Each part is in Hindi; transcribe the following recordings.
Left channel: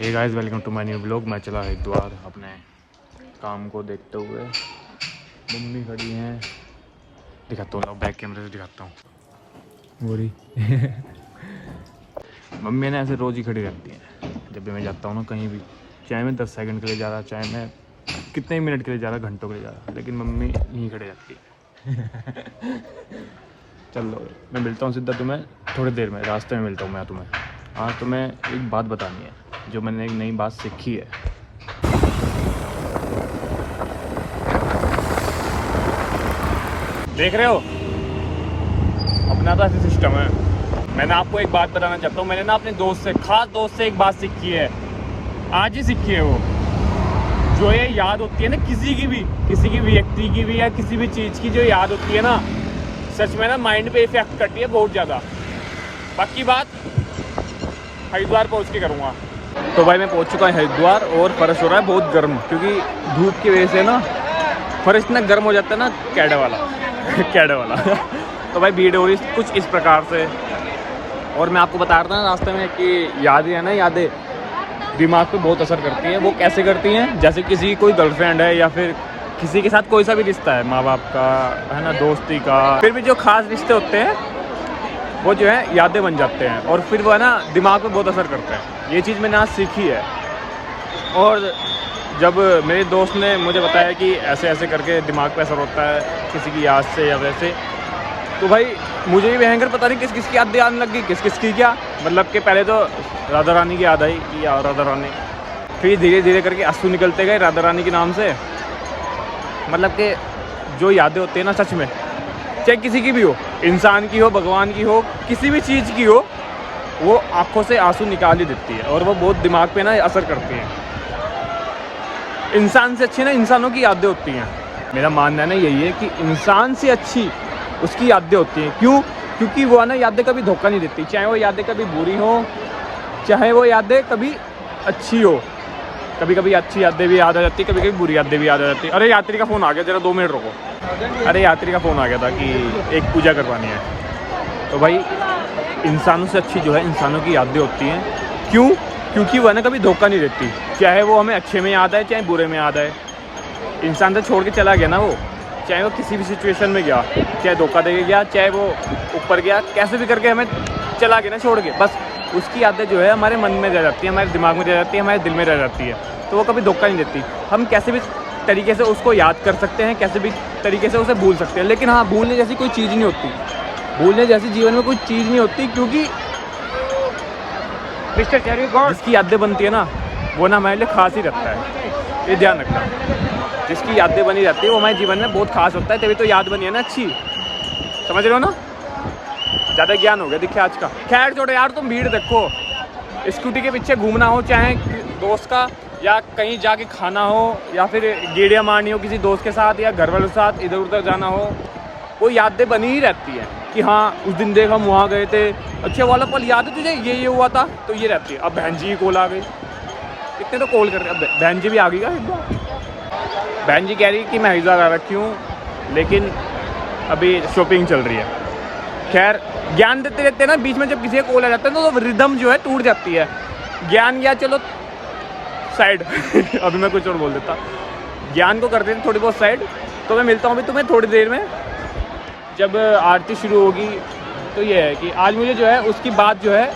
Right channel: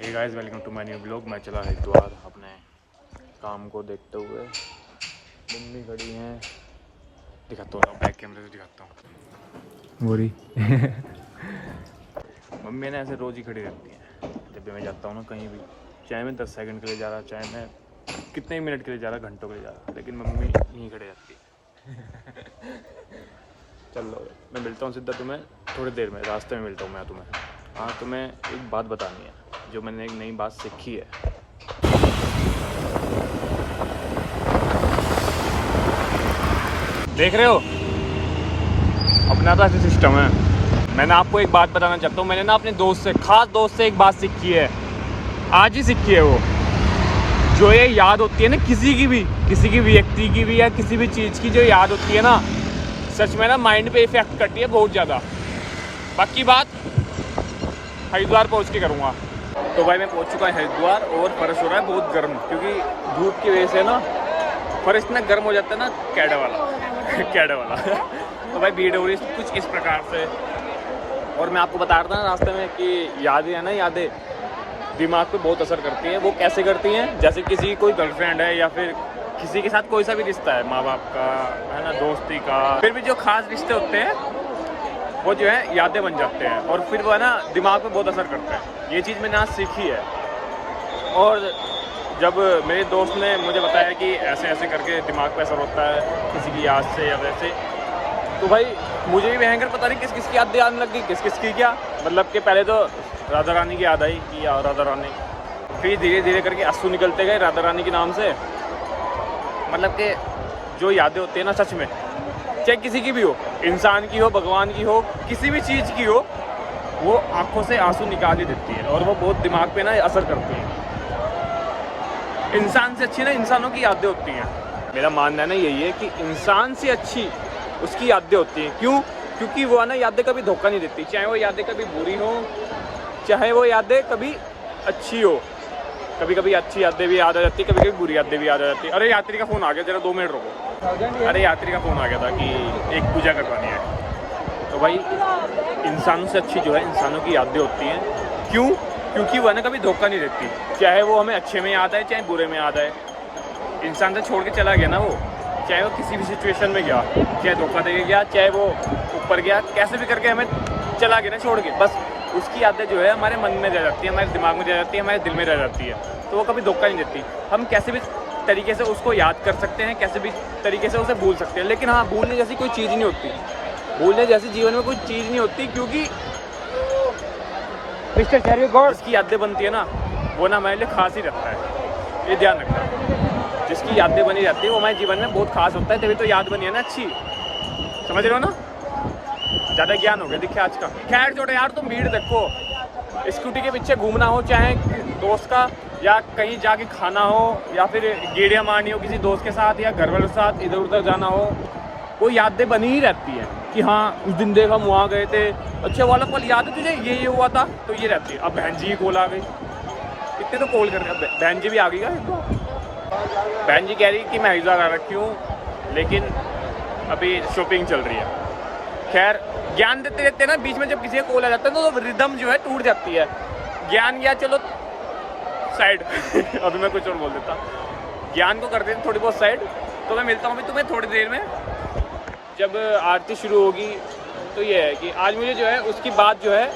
Hey guys, welcome to my new blog. मैं चला हरिद्वार अपने काम को देखते हुए। मम्मी खड़ी हैं, दिखाता हूँ, बैक कैमरे से दिखाता हूँ। बोरी मम्मी ने ऐसे रोज़ ही खड़ी रहती हैं जब भी मैं जाता हूँ ना कहीं भी, चाहे मैं 10 सेकंड के लिए जा रहा, चाहे मैं कितने मिनट के लिए जा रहा, घंटों के लिए जा रहा, लेकिन मम्मी यहीं खड़ी रहती है। चलो मैं मिलता हूँ सीधा तुम्हें थोड़ी देर में, रास्ते में मिलता हूँ मैं तुम्हें। हाँ, तुम्हें एक बात बतानी है, जो मैंने एक नई बात सीखी है। देख रहे हो, अपना तो ऐसे सिस्टम है। मैंने आपको एक बात बताना चाहता हूँ। मैंने ना अपने दोस्त से, खास दोस्त से एक बात सीखी है, आज ही सीखी है। वो जो ये याद होती है ना किसी की भी व्यक्ति की भी या किसी भी चीज़ की जो याद होती है ना, सच में ना माइंड पे इफेक्ट करती है बहुत ज़्यादा। बाकी बात हरिद्वार पहुँच के करूँगा। तो भाई मैं पहुँच चुका हूँ हरिद्वार और फर्श हो रहा है बहुत गर्म, क्योंकि धूप की वजह से ना फर्श इतना गर्म हो जाता है ना, कैडे वाला। तो भाई भीड़ हो रही कुछ इस प्रकार से। और मैं आपको बता रहा था ना रास्ते में कि यादें हैं ना, यादें दिमाग पे बहुत असर करती हैं। वो कैसे करती हैं? जैसे किसी की कोई गर्लफ्रेंड है या फिर किसी के साथ कोई सा भी रिश्ता है, माँ बाप का है ना, दोस्ती का, फिर भी जो खास रिश्ते होते हैं वो जो है यादें बन जाते हैं और फिर वो है ना दिमाग पे बहुत असर करते हैं। ये चीज़ मैंने आज सीखी है। और जब मेरे दोस्त ने मुझे बताया कि ऐसे ऐसे करके दिमाग पे असर होता है किसी की याद से या वैसे, तो भाई मुझे भी भयंकर पता नहीं किस किस की यादें आने लग गई, किस किस की क्या। मतलब कि पहले तो राधा रानी की याद आई कि यार राधा रानी, फिर धीरे धीरे करके आंसू निकलते गए राधा रानी के नाम से। मतलब कि जो यादें होती है ना, सच में चाहे किसी की भी हो, इंसान की हो, भगवान की हो, किसी भी चीज़ की हो, वो आंखों से आंसू निकाल ही देती है और वो बहुत दिमाग पे ना असर करती है। इंसान से अच्छी ना इंसानों की यादें होती हैं। मेरा मानना है ना यही है कि इंसान से अच्छी उसकी यादें होती हैं। क्यों? क्योंकि वो है ना यादें कभी धोखा नहीं देती, चाहे वो यादें कभी बुरी हो, चाहे वो यादें कभी अच्छी हो। कभी कभी अच्छी यादें भी याद आ जाती, कभी कभी बुरी यादें भी याद आ जाती। अरे यात्री का फ़ोन आ गया, जरा 2 मिनट रुको। अरे यात्री का फ़ोन आ गया था कि एक पूजा करवानी है। तो भाई इंसानों से अच्छी जो है इंसानों की यादें होती हैं। क्यों? क्योंकि वह ना कभी धोखा नहीं देती, चाहे वो हमें अच्छे में याद आए चाहे बुरे में याद आए। इंसान से छोड़ के चला गया ना वो, चाहे वो किसी भी सिचुएशन में गया, चाहे धोखा दे के गया, चाहे वो ऊपर गया, कैसे भी करके हमें चला गया ना छोड़ के, बस उसकी यादें जो है हमारे मन में रह जाती है, हमारे दिमाग में रह जाती है, हमारे दिल में रह जाती है। तो वो कभी धोखा नहीं देती। हम कैसे भी तरीके से उसको याद कर सकते हैं, कैसे भी तरीके से उसे भूल सकते हैं, लेकिन हाँ, भूलने जैसी कोई चीज़ नहीं होती। भूलने जैसी जीवन में कोई चीज़ नहीं होती, क्योंकि जिसकी यादें बनती है ना वो ना हमारे लिए खास ही रहता है। ये ध्यान रखना, जिसकी यादें बनी रहती है वो हमारे जीवन में बहुत खास होता है। तभी तो याद बनी है ना अच्छी, समझ रहे हो ना? ज़्यादा ज्ञान हो गया दिखे आज का। खैर छोड़ो यार, तुम भीड़ देखो, स्कूटी के पीछे घूमना हो, चाहे दोस्त का, या कहीं जाके खाना हो, या फिर गेड़ियाँ मारनी हो किसी दोस्त के साथ या घर वालों के साथ, इधर उधर जाना हो, वो यादें बनी ही रहती है कि हाँ उस दिन देख हम वहाँ गए थे, अच्छा वाला पल याद है तुझे, ये हुआ था, तो ये रहती है। अब बहन जी की कॉल आ गई, कितने तो कॉल कर रहे हैं। अब बहन जी भी आ गई क्या? बहन जी कह रही कि मैं हरिद्वार आ रखी हूँ, लेकिन अभी शॉपिंग चल रही है। खैर ज्ञान देते रहते हैं ना, बीच में जब किसी का कॉल आ जाता है तो रिदम जो है टूट जाती है। ज्ञान गया, चलो साइड। अभी मैं कुछ और बोल देता, ज्ञान को करते थे थोड़ी बहुत साइड। तो मैं मिलता हूँ अभी तुम्हें थोड़ी देर में, जब आरती शुरू होगी। तो ये है कि आज मुझे जो है उसकी बात जो है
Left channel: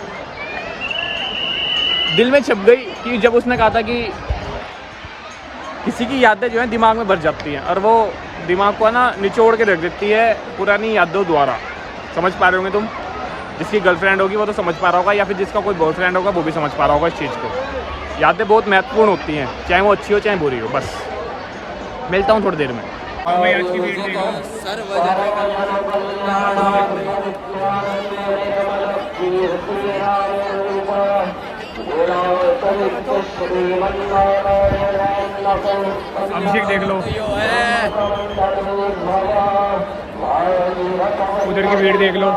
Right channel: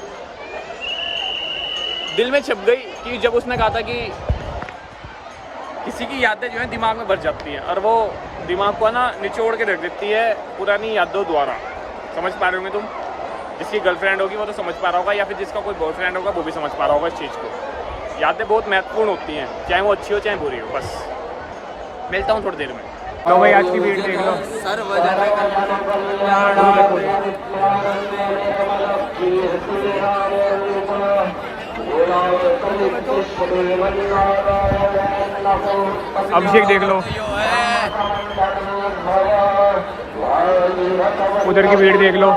दिल में छप गई, कि जब उसने कहा था कि किसी की यादें जो है दिमाग में भर जाती हैं और वो दिमाग को ना निचोड़ के रख देती है पुरानी यादों द्वारा। समझ पा रहे होंगे तुम? जिसकी गर्लफ्रेंड होगी वो तो समझ पा रहा होगा, या फिर जिसका कोई बॉयफ्रेंड होगा वो भी समझ पा रहा होगा इस चीज़ को। यादें बहुत महत्वपूर्ण होती हैं, चाहे वो अच्छी हो चाहे बुरी हो। बस मिलता हूँ थोड़ी देर में। तो भाई आज की वीडियो देख लो। अभिषेक देख लो, उधर की भीड़ देख लो।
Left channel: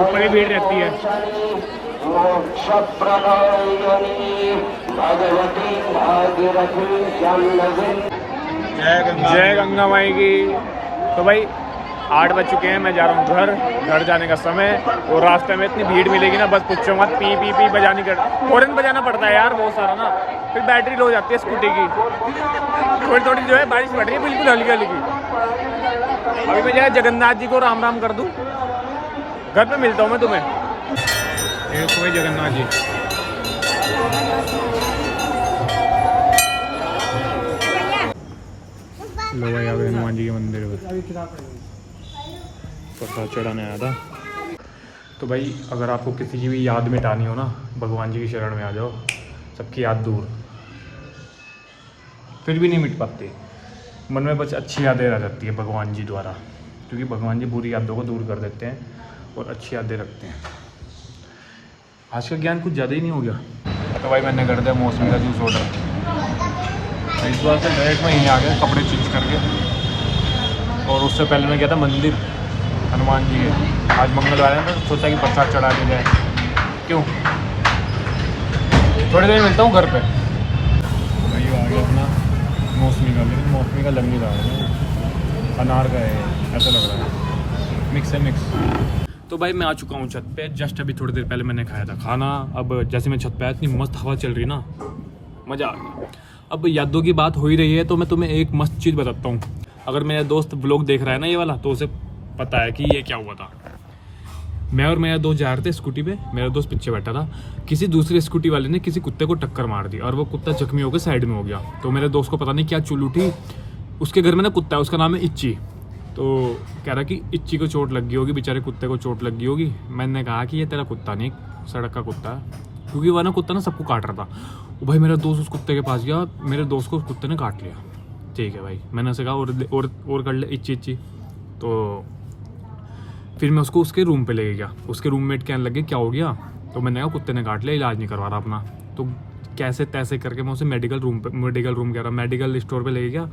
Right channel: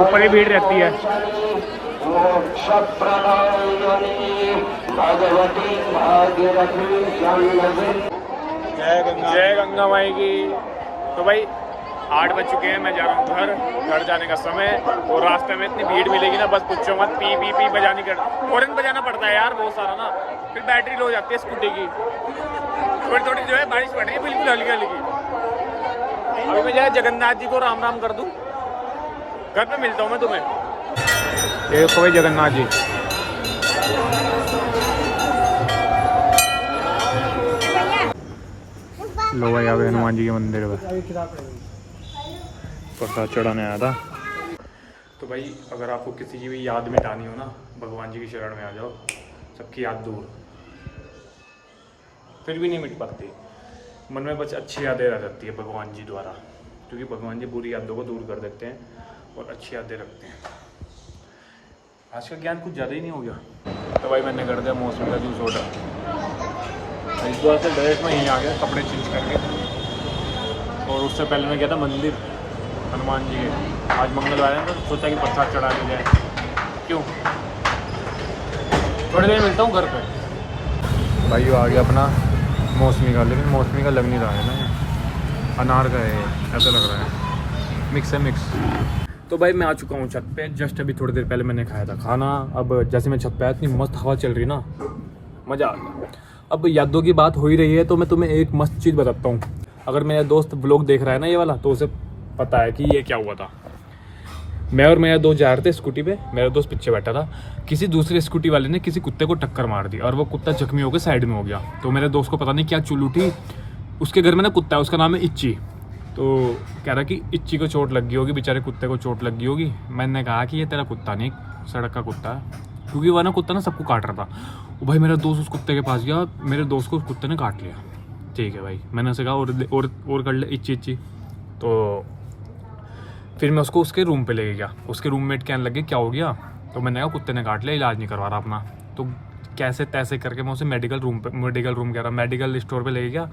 ऊपर ही भीड़ रहती है। जय गंगा माई की। तो भाई 8 बज चुके हैं, मैं जा रहा हूँ घर जाने का समय। और रास्ते में इतनी भीड़ मिलेगी ना, बस पूछो मत। पी पी पी बजानी कर, हॉर्न बजाना पड़ता है यार बहुत सारा ना, फिर बैटरी लो हो जाती है स्कूटी की। थोड़ी थोड़ी जो है बारिश पड़ रही है, बिल्कुल हल्की हल्की। अभी मैं जाए जगन्नाथ जी को राम राम कर दूँ, घर पे मिलता हूँ मैं तुम्हें। ये कोई जगन्नाथ जी, लो भाई अभी हनुमान जी के मंदिर पर प्रसाद चढ़ाने आया था। तो भाई अगर आपको किसी की भी याद मिटानी हो ना, भगवान जी की शरण में आ जाओ, सबकी याद दूर, फिर भी नहीं मिट पाती। मन में बस अच्छी यादें रह जाती है भगवान जी द्वारा, क्योंकि भगवान जी बुरी यादों को दूर कर देते हैं और अच्छी यादें रखते हैं। आज का ज्ञान कुछ ज़्यादा ही नहीं हो गया। तो भाई मैंने कर दिया मौसमी का जूस ऑर्डर। इस बार से डायरेक्ट में यहीं आ गया कपड़े चेंज करके, और उससे पहले मैं गया था मंदिर हनुमान जी के। आज मंगलवार है तो सोचा कि प्रसाद चढ़ा दिया जाए, क्यों। थोड़ी देर मिलता हूँ घर पे। भाई आ गया अपना मौसमी का लग नहीं रहा है, अनार का है ऐसा लग रहा है, मिक्स है मिक्स। तो भाई मैं आ चुका हूँ छत पे, जस्ट अभी थोड़ी देर पहले मैंने खाया था खाना। अब जैसे मैं छत पे आया, इतनी मस्त हवा चल रही ना, मज़ा आ गया। अब यादों की बात हो ही रही है तो मैं तुम्हें एक मस्त चीज़ बताता हूँ। अगर मेरा दोस्त ब्लॉग देख रहा है ना ये वाला, तो उसे पता है कि ये क्या हुआ था। मैं और मेरा दोस्त जा रहे थे स्कूटी पे, मेरा दोस्त पीछे बैठा था। किसी दूसरे स्कूटी वाले ने किसी कुत्ते को टक्कर मार दी और वो कुत्ता जख्मी होकर साइड में हो गया। तो मेरे दोस्त को पता नहीं क्या चुल उठी, उसके घर में ना कुत्ता है, उसका नाम है इच्ची। तो कह रहा कि इच्ची को चोट लग गई होगी, बेचारे कुत्ते को चोट लग गई होगी। मैंने कहा कि ये तेरा कुत्ता नहीं, सड़क का कुत्ता है, क्योंकि वह ना कुत्ता ना सबको काट रहा था। भाई मेरा दोस्त उस कुत्ते के पास गया, मेरे दोस्त को उस कुत्ते ने काट लिया। ठीक है भाई, मैंने उसे कहा और कर ले इच्ची इच्ची। तो फिर मैं उसको उसके रूम पे ले गया। उसके रूममेट कहने लगे क्या हो गया, तो मैंने कहा कुत्ते ने काट लिया, इलाज नहीं करवा रहा अपना। तो कैसे तैसे करके मैं उसे मेडिकल स्टोर पे ले गया।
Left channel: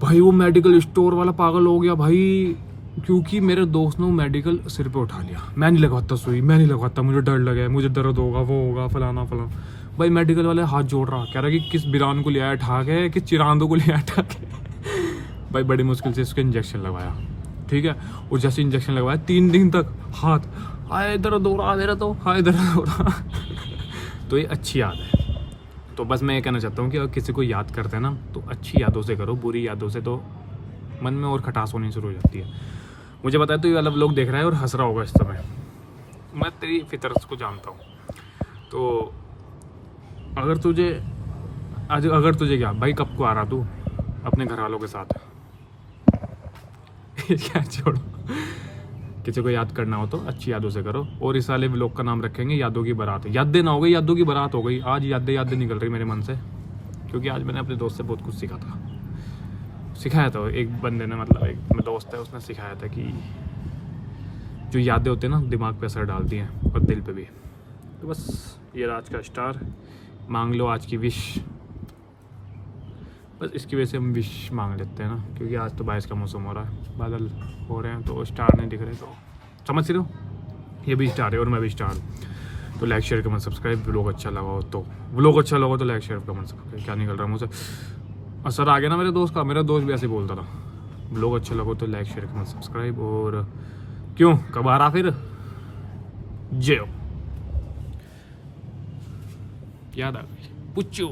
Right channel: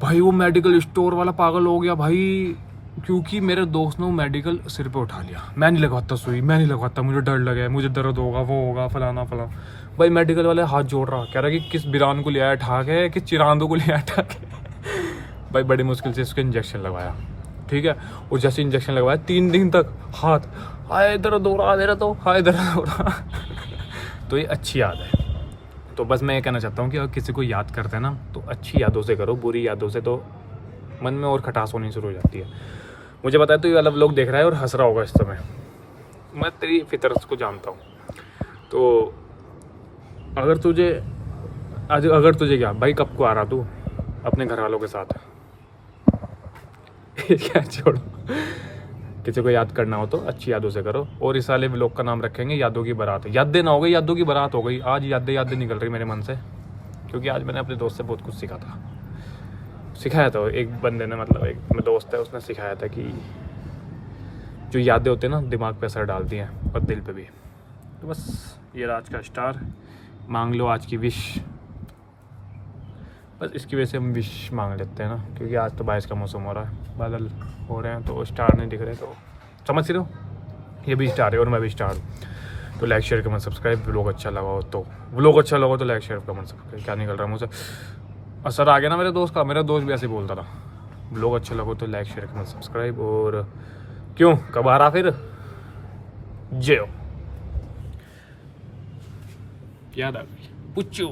भाई वो मेडिकल स्टोर वाला पागल हो गया भाई, क्योंकि मेरे दोस्त ने वो मेडिकल सिर पे उठा लिया। मैं नहीं लगवाता सुई, मैं नहीं लगवाता, मुझे डर लगा, मुझे दर्द होगा, वो होगा, फलाना फला। भाई मेडिकल वाले हाथ जोड़ रहा, कह रहा कि किस बिरान को ले आया ठा के, किस चिरांदों को ले आया ठा के। भाई बड़ी मुश्किल से उसको इंजेक्शन लगवाया, ठीक है। और जैसे इंजेक्शन लगवाया 3 दिन तक हाथ हाय दर्द हो रहा, मेरा तो हाय दर्द हो रहा। तो ये अच्छी याद है। तो बस मैं ये कहना चाहता हूँ कि अगर किसी को याद करते हैं ना, तो अच्छी यादों से करो, बुरी यादों से तो मन में और खटास होनी शुरू हो जाती है। मुझे पता है तो ये वाला लोग देख रहा है और हंस रहा होगा इस समय, मैं तेरी फितरत को जानता हूँ। तो अगर तुझे क्या भाई, कब को आ रहा तू अपने घर वालों के साथ क्या छोड़ो, किसी को याद करना हो तो अच्छी यादों से करो। और इस वाले व्लॉग का नाम रखेंगे यादों की बारात। यादें ना हो गई, यादों की बारात हो गई। आज यादें निकल रही मेरे मन से, क्योंकि आज मैंने अपने दोस्त से बहुत कुछ सिखाया था एक बंदे ने, मतलब एक मेरा दोस्त है, उसने सिखाया था कि जो यादें होते हैं ना, दिमाग पे असर डालती हैं और दिल पे भी। तो बस ये आज का स्टार, मांग लो आज की विश। बस इसकी वजह से हम विश मांग लेते हैं ना, क्योंकि आज तो बारिश का मौसम हो रहा है, बादल हो रहे हैं, तो स्टार नहीं दिख रहे। तो समझ रहे हो, ये भी स्टार है और मैं भी स्टार। तो like share comment subscribe. Vlog अच्छा लगा हो तो लाइक शेयर कमेंट सब्सक्राइब। क्या निकल रहा है मुझसे, असर आ गया ना मेरे दोस्त का। मेरा दोस्त भी ऐसे बोलता था, व्लॉग अच्छा लगा तो लाइक शेयर कमेंट सब्सक्राइब। और क्यों, कब आ रहा फिर, जय हो। याद आ गई पुच्चू।